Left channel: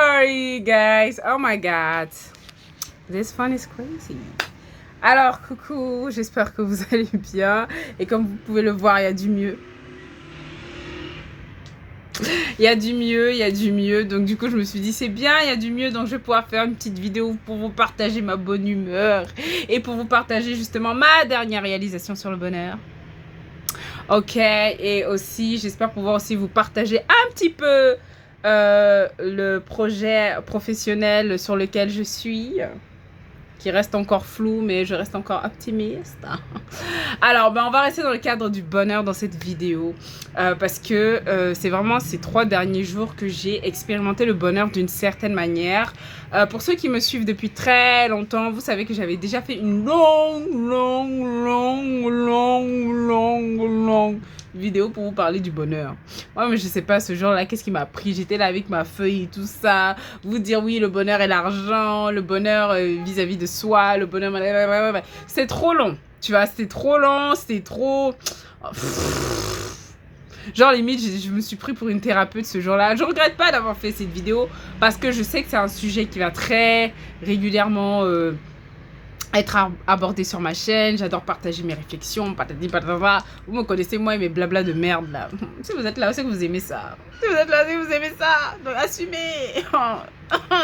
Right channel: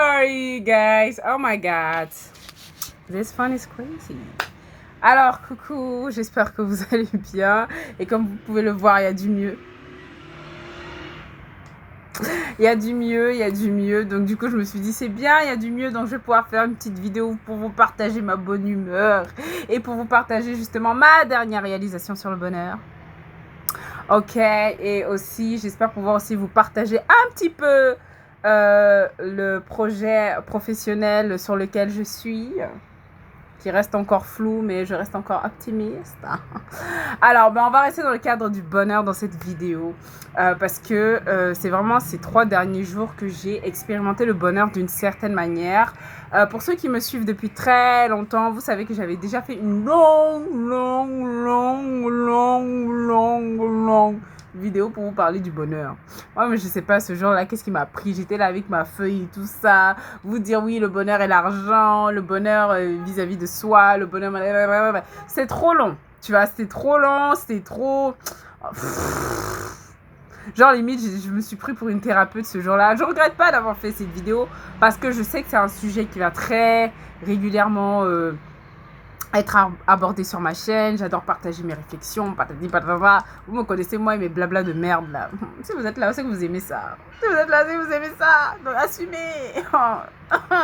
sorry, guys. Oh my God. This fun is crazy. Alors, coucou, j'espère que vous allez bien. Et comme vous pouvez le voir, il y a du mieux. Il y a du mieux, il y a du mieux. Donc, du coup, je me suis dit, c'est bien, il y a du mieux. Donc, je vais pouvoir faire une petite vidéo pour vous partager ma bonne humeur. Et pour vous partager justement ma dernière réalisation sur le bonheur. Ok, et aussi, j'espère pouvoir aussi vous partager un petit peu le projet professionnel sur lequel je suis, qui reste encore flou, mais je reste encore optimiste. Alors, on va rester dans le cadre du bonheur dans cette vidéo, parce que c'est vraiment ces 3 derniers jours que j'ai expérimenté le bonheur d'une certaine manière. Pour ceux qui me suivent depuis très longtemps, vous savez que j'avais déjà fait une longue vidéo pour vous parler du bonheur. Moi, mais je sais pas, ce jour-là, qu'est-ce qui m'a pris? J'étais là avec ma feuille et tout ça, vous dire oui, le bonheur et l'argent, le bonheur vis-à-vis de soi, le bonheur... C'est trop long, tu vois, c'était trop long, c'était trop... Genre, limite, je me suis pris pour une thérapeute ce jour-là. Je regrette pas d'avoir fait cette vidéo parce que je sais que c'est un sujet qui va très régulièrement être abordé sur ma chaîne. J'adore partager mes réflexions, patati patata. Vous me connaissez, moi et mes blabla de merde là. Si vous êtes là, c'est que vous aimez ça. Si vous êtes là, c'est que vous aimez ça. Donc assumez.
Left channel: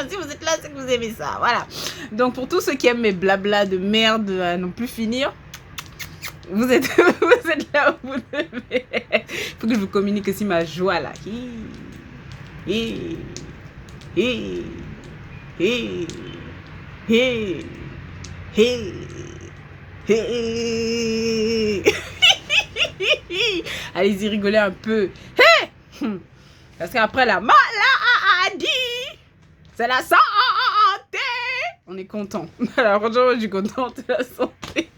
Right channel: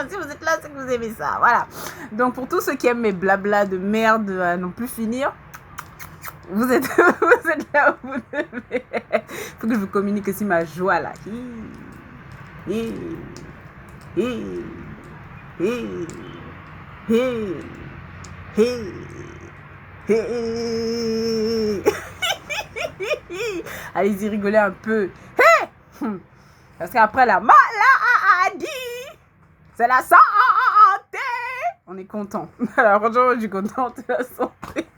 Si vous êtes là, c'est que vous aimez ça. Voilà. Donc pour tous ceux qui aiment mes blabla de merde à non plus finir, vous êtes là où vous devez. Il faut que je vous communique aussi ma joie là. Allez-y, rigolez un peu. Parce qu'après la maladie, c'est la santé. On est content. Alors franchement, je suis contente de la santé.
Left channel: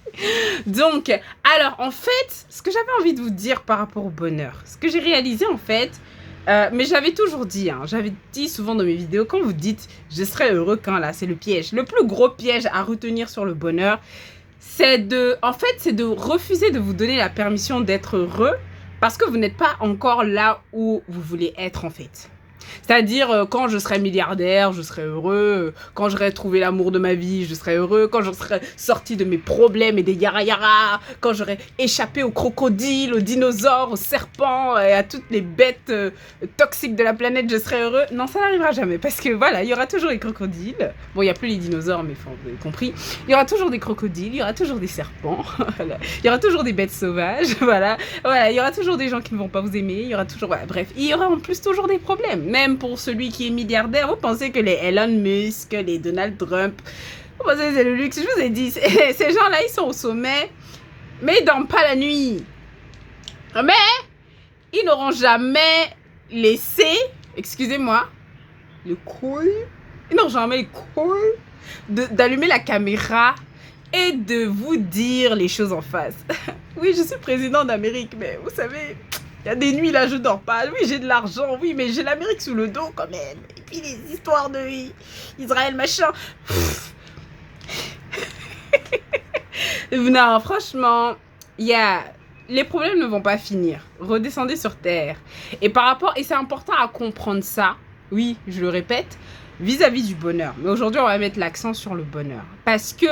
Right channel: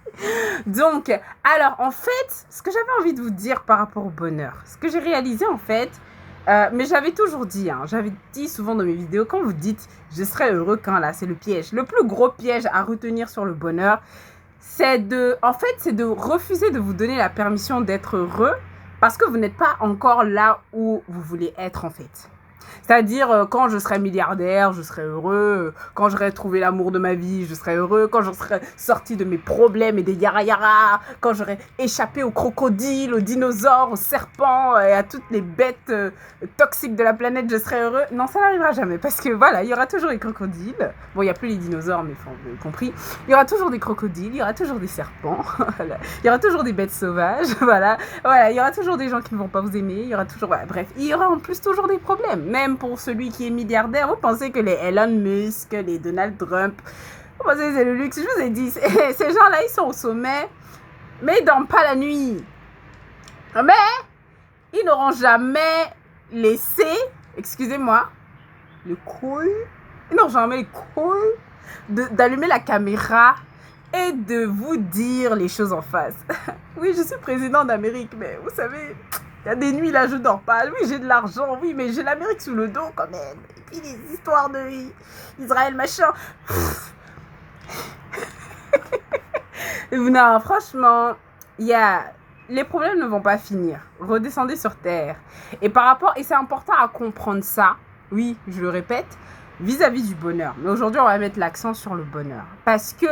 Donc, alors en fait, ce que j'avais envie de vous dire par rapport au bonheur, ce que j'ai réalisé en fait, mais j'avais toujours dit, j'avais dit souvent dans mes vidéos, quand vous dites « je serai heureux quand » là, c'est le piège. Le plus gros piège à retenir sur le bonheur, c'est de refuser de vous donner la permission d'être heureux parce que vous n'êtes pas encore là où vous voulez être en fait. C'est-à-dire, quand je serai milliardaire, je serai heureux. Quand j'aurai trouvé l'amour de ma vie, je serai heureux. Quand je serai sorti de mes problèmes et des yara-yara. Quand j'aurai échappé aux crocodiles, aux dinosaures, aux serpents et à toutes les bêtes toxiques de la planète, je serai heureux. Non, ça n'arrivera jamais. Parce que voilà, il y aura toujours les crocodiles. Bon, il n'y a plus les dinosaures, mais enfin, vous avez compris. Il y aura toujours des crocodiles, il y aura toujours des serpents. Voilà. Il y aura toujours des bêtes sauvages. Voilà. Il y aura toujours des gens qui ne vont pas vous aimer. Il y aura toujours... Voilà, bref, il y aura en plus toujours des problèmes. Même pour celui qui est milliardaire, vous pensez que les Elon Musk, les Donald Trump, vous pensez que c'est le luxe? Je vous ai dit, ces gens-là, ils sont au sommet, mais ils dorment pas la nuit. Mais ils n'auront jamais laissé, excusez-moi, le couille, ils n'auront jamais le couille d'allumer la caméra et de vous dire les choses en face. Oui, je suis président d'Amérique, mais vous savez... Il y a des nuits là, je dors pas. Oui, j'ai de l'argent, oui, mais j'ai l'Amérique sous le dos quand même. Et puis les histoires de Israël, machin. Non, franchement, les problèmes ne vont pas finir. Redescendez sur terre. Et et c'est important à comprendre ça, oui, je le répète, vis-à-vis du bonheur. Mais aujourd'hui, on va mettre l'accent sur le bonheur. Parce que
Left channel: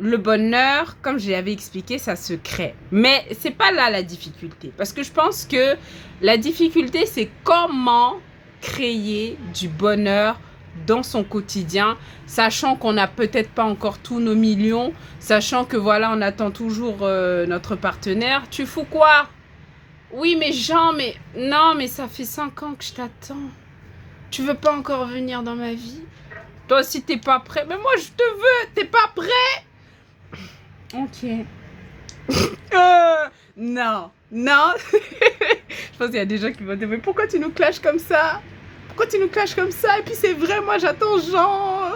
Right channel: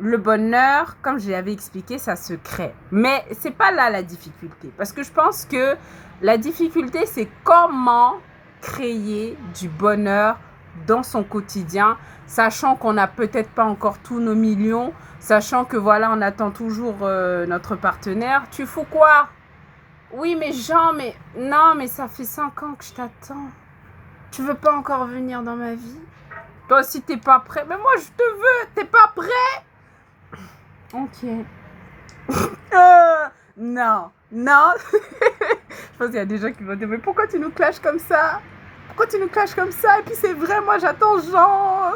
le bonheur, comme je l'avais expliqué, ça se crée. Mais c'est pas là la difficulté. Parce que je pense que la difficulté, c'est comment créer du bonheur dans son quotidien, sachant qu'on n'a peut-être pas encore tous nos millions, sachant que voilà, on attend toujours notre partenaire. Tu fous quoi? Oui, mais Jean, mais... Non, mais ça fait 5 ans que je t'attends. Tu veux pas encore venir dans ma vie? Toi aussi, t'es pas prêt. Mais moi, je te veux. T'es pas prêt? Ok. Non. Je pense qu'il y a des gens qui vont dire, mais pourquoi tu nous clashes comme ça? Pourquoi tu nous clashes comme ça? Et puis c'est vrai, moi j'attends Jean,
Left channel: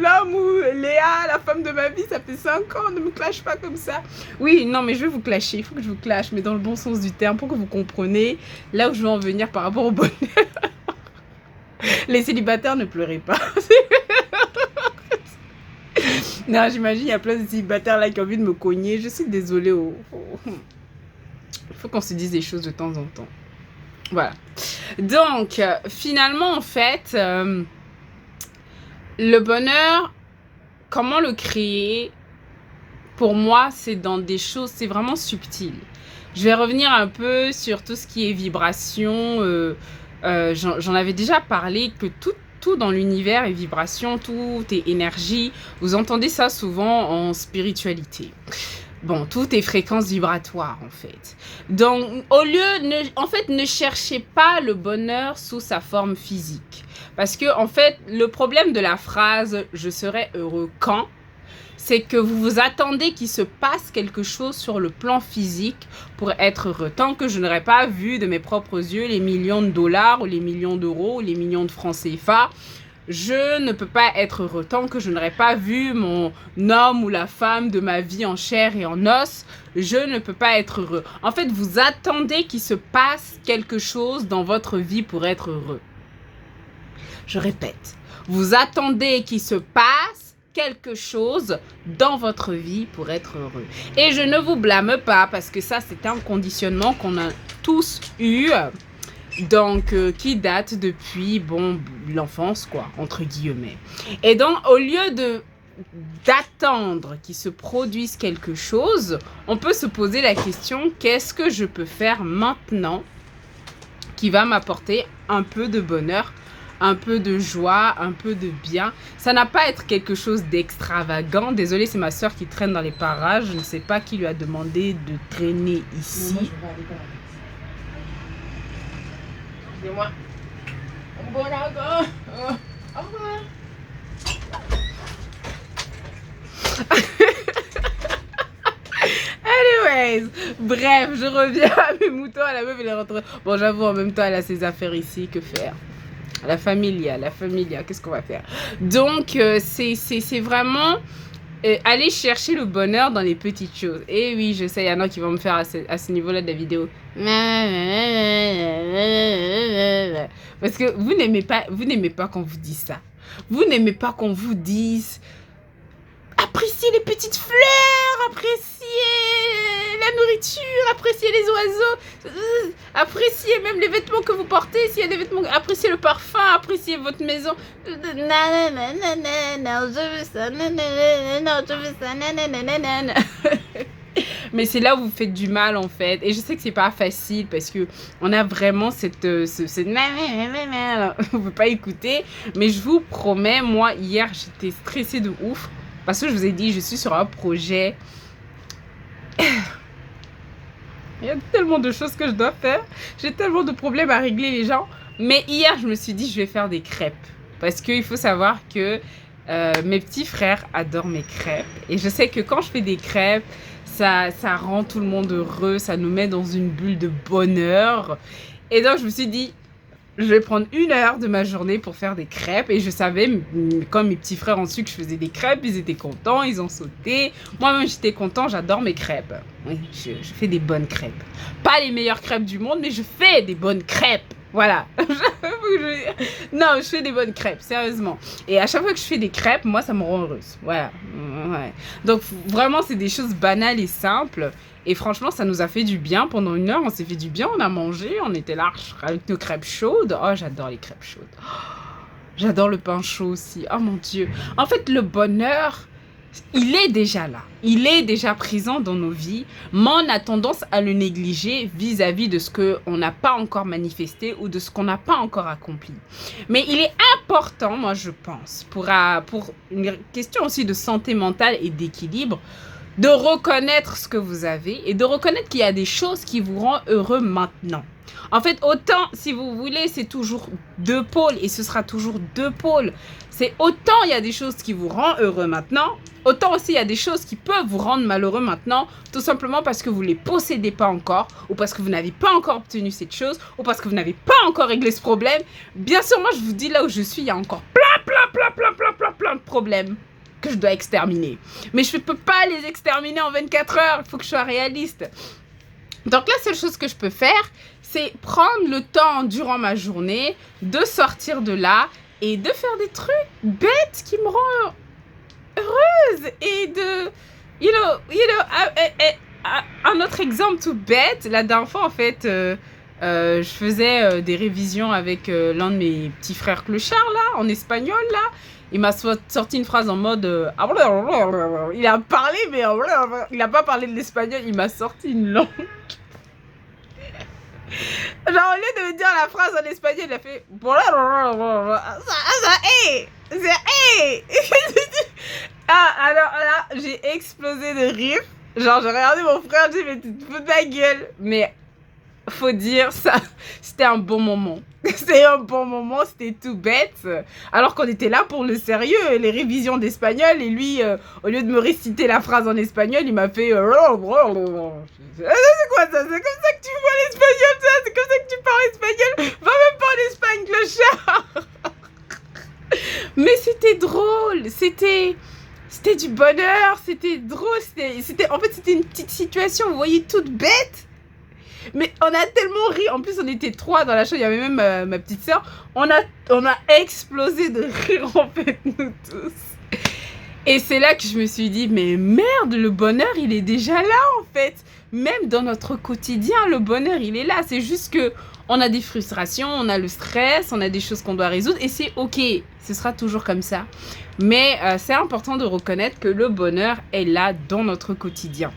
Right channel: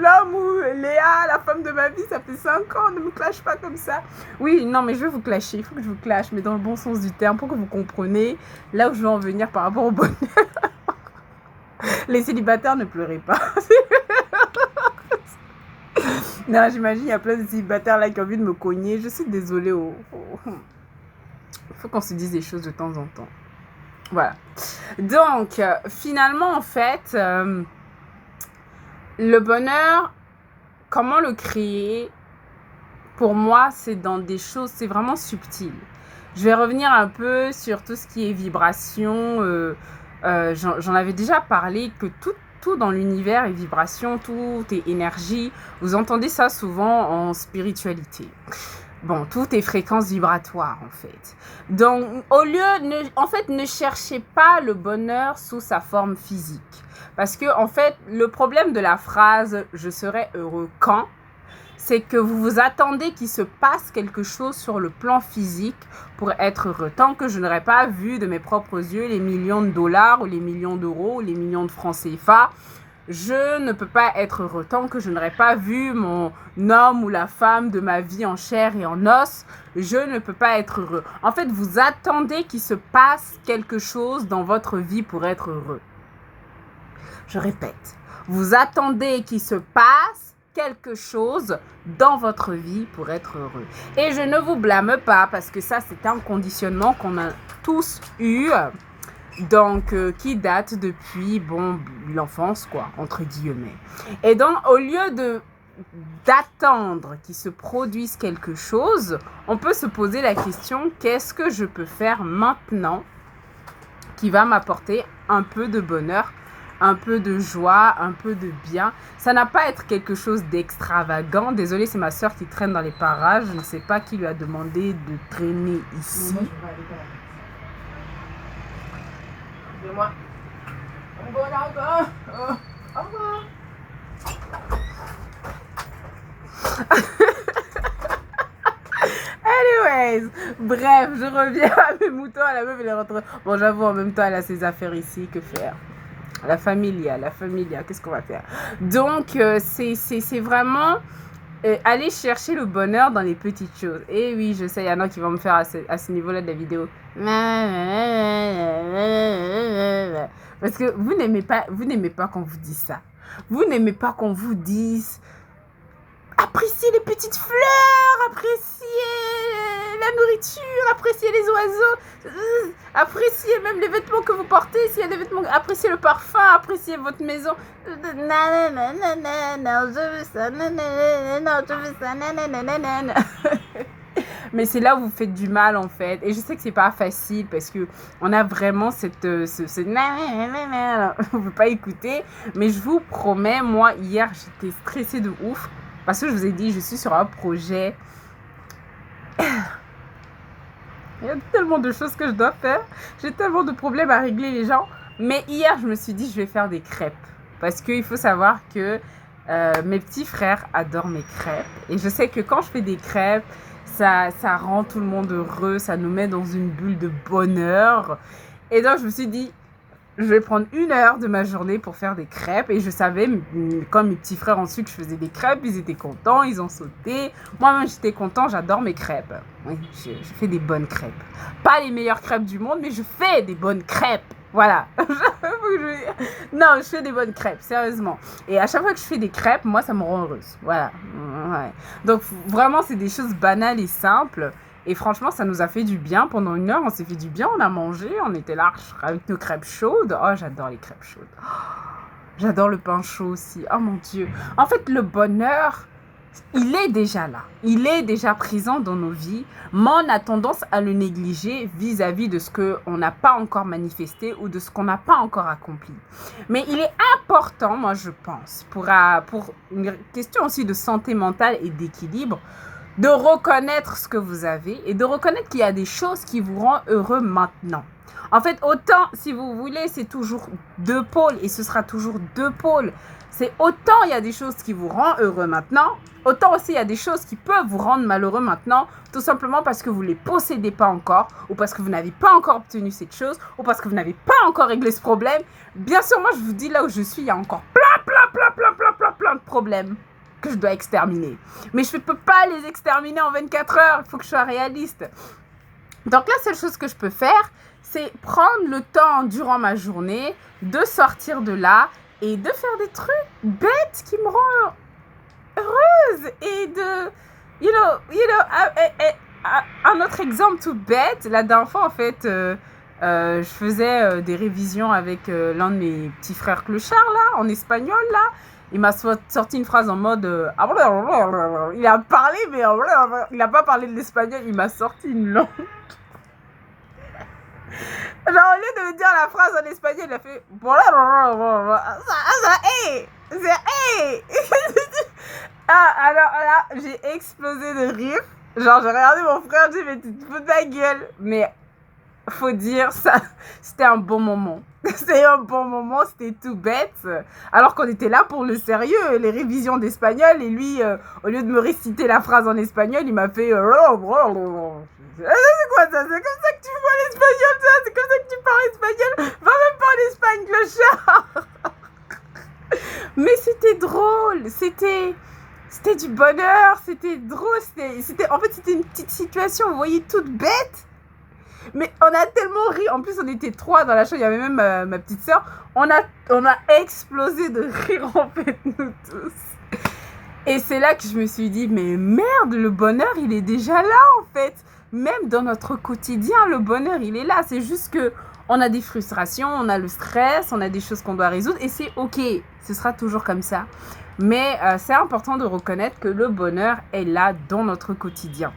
l'homme ou Léa, la femme de ma vie, ça fait 5 ans, ne me clash pas comme ça. Oui, non, mais je vais vous clasher, il faut que je vous clash, mais dans le bon sens du terme, pour que vous compreniez là où je veux en venir par rapport au bonheur. Les célibataires, ne pleurez pas. Non, j'imagine, il y a plein de célibataires là qui ont envie de me cogner. Je suis désolée. Il faut qu'on se dise des choses de temps en temps. Voilà. Donc, finalement, en fait, Le bonheur, comment le créer? Pour moi, c'est dans des choses, c'est vraiment subtil. Je vais revenir un peu sur tout ce qui est vibration. J'en avais déjà parlé, que tout dans l'univers est vibration, tout est énergie. Vous entendez ça souvent en spiritualité. Bon, tout est fréquence vibratoire, en fait. Donc, ne cherchez pas le bonheur sous sa forme physique. Parce que, en fait, le problème de la phrase « je serai heureux quand », c'est que vous vous attendez qu'il se passe quelque chose sur le plan physique pour être heureux. Tant que je n'aurais pas vu de mes propres yeux les millions de dollars ou les millions d'euros ou les millions de francs CFA, je ne peux pas être heureux. Tant que je n'aurais pas vu mon homme ou la femme de ma vie en chair et en os, je ne peux pas être heureux. En fait, vous attendez qu'il se passe quelque chose dans votre vie pour être heureux. Je répète, vous attendez qu'il se passe quelque chose dans votre vie pour être heureux. Et je ne vous blâme pas parce que ça, c'est un conditionnement qu'on a tous eu. Donc, qui date depuis, bon, l'enfance, quoi, entre guillemets. Et donc, au lieu d'attendre qu'il se produise quelque chose, on peut se poser la question, qu'est-ce que je peux faire maintenant qui va m'apporter un peu de bonheur, un peu de joie, un peu de bien. Ça n'a pas à être quelque chose d'extravagant. Désolée, c'est ma soeur qui traîne dans les parages. Je ne sais pas qui lui a demandé de traîner ici. Moi, je vais aller par là. Excusez-moi. Bon, là, au revoir. Anyways, bref, je reviens à mes moutons. La meuf, elle est rentrée. Bon, j'avoue, en même temps, elle a ses affaires ici. Que faire? La familia, qu'est-ce qu'on va faire? Donc, c'est vraiment aller chercher le bonheur dans les petites choses. Et oui, je sais, il y en a qui vont me faire à ce niveau-là de la vidéo. Parce que vous n'aimez pas qu'on vous dise ça. Vous n'aimez pas qu'on vous dise appréciez les petites fleurs, appréciez la nourriture, appréciez les oiseaux, appréciez même les vêtements que vous portez, s'il y a des vêtements, appréciez le parfum, appréciez votre maison. Non, je veux ça, non, je veux ça, Mais c'est là où vous faites du mal, en fait. Et je sais que c'est pas facile parce que on a vraiment cette on veut pas écouter. Mais je vous promets, moi, hier, j'étais stressée de ouf. Parce que je vous ai dit, je suis sur un projet. Il y a tellement de choses que je dois faire. J'ai tellement de problèmes à régler, les gens. Mais hier, je me suis dit, je vais faire des crêpes. Parce qu'il faut savoir que mes petits frères adorent mes crêpes. Et je sais que quand je fais des crêpes, ça rend tout le monde heureux. Ça nous met dans une bulle de bonheur. Et donc, je me suis dit, je vais prendre 1 heure de ma journée pour faire des crêpes. Et je savais, comme mes petits frères ont su que je faisais des crêpes, ils étaient contents, ils ont sauté. Moi-même, j'étais content, j'adore mes crêpes. Oui, je fais des bonnes crêpes. Pas les meilleures crêpes du monde, mais je fais des bonnes crêpes. Voilà. Non, je fais des bonnes crêpes, sérieusement. Et à chaque fois que je fais des crêpes, moi, ça me rend heureuse. Voilà. Ouais. Donc, vraiment, c'est des choses banales et simples. Et franchement, ça nous a fait du bien. Pendant 1 heure, on s'est fait du bien. On a mangé. On était là avec nos crêpes chaudes. Oh, j'adore les crêpes chaudes. Oh, j'adore le pain chaud aussi. Oh mon Dieu. En fait, le bonheur, il est déjà là. Il est déjà présent dans nos vies. Mais on a tendance à le négliger vis-à-vis de ce qu'on n'a pas encore manifesté ou de ce qu'on n'a pas encore accompli. Mais il est important, moi, je pense, pour une question aussi de santé mentale et d'équilibre, de reconnaître ce que vous avez et de reconnaître qu'il y a des choses qui vous rendent heureux maintenant. En fait, autant, si vous voulez, c'est toujours 2 pôles et ce sera toujours 2 pôles. C'est autant il y a des choses qui vous rendent heureux maintenant, autant aussi il y a des choses qui peuvent vous rendre malheureux maintenant, tout simplement parce que vous ne les possédez pas encore, ou parce que vous n'avez pas encore obtenu cette chose, ou parce que vous n'avez pas encore réglé ce problème. Bien sûr, moi, je vous dis là où je suis, il y a encore plein de problèmes que je dois exterminer. Mais je ne peux pas les exterminer en 24 heures. Il faut que je sois réaliste. Donc la seule chose que je peux faire, c'est prendre le temps durant ma journée de sortir de là et de faire des trucs bêtes qui me rendent heureuse. Et de... un autre exemple tout bête. La dernière fois, en fait, je faisais des révisions avec l'un de mes petits frères clochards, là, en espagnol, là. il m'a sorti une phrase en mode... il a parlé, mais il n'a pas parlé de l'espagnol, il m'a sorti une langue. Genre, au lieu de me dire la phrase en espagnol, il a fait... Alors là, j'ai explosé de rire. Genre, j'ai regardé mon frère, j'ai dit, mais tu te fous de ma gueule. Mais, faut dire, ça, c'était un bon moment. C'était un bon moment, c'était tout bête. Alors qu'on était là pour le sérieux, les révisions d'espagnol. Et lui, au lieu de me réciter la phrase en espagnol, il m'a fait... C'est quoi ça? C'est comme ça que tu vois l'espagnol, ça? C'est comme ça que tu parles espagnol? Va même pas en Espagne, clochard. Mais c'était drôle, c'était du bonheur, c'était drôle, en fait c'était une petite situation, vous voyez, toute bête. Mais on a tellement ri, en plus on était 3 dans la chambre, il y avait même ma petite soeur, on a explosé de rire en fait, nous tous. Et c'est là que je me suis dit, mais merde, le bonheur il est déjà là en fait. Même dans notre quotidien, le bonheur il est là, c'est juste que on a des frustrations, on a le stress, on a des choses qu'on doit résoudre et c'est ok, ce sera toujours comme ça. Mais c'est important de reconnaître que le bonheur est là dans notre quotidien.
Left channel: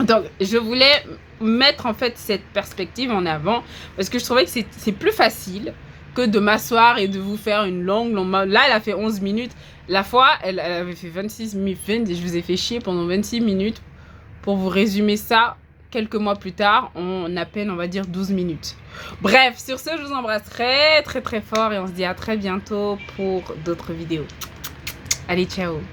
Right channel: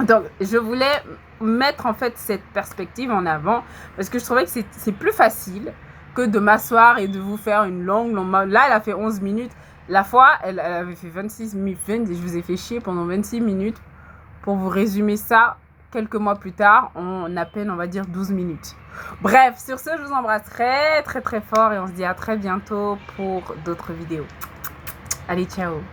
Donc, je voulais mettre en fait cette perspective en avant parce que je trouvais que c'est plus facile que de m'asseoir et de vous faire une longue... Là, elle a fait 11 minutes. La fois, elle avait fait 26 minutes. Je vous ai fait chier pendant 26 minutes pour vous résumer ça quelques mois plus tard en à peine, on va dire, 12 minutes. Bref, sur ce, je vous embrasse très, très, très fort et on se dit à très bientôt pour d'autres vidéos. Allez, ciao!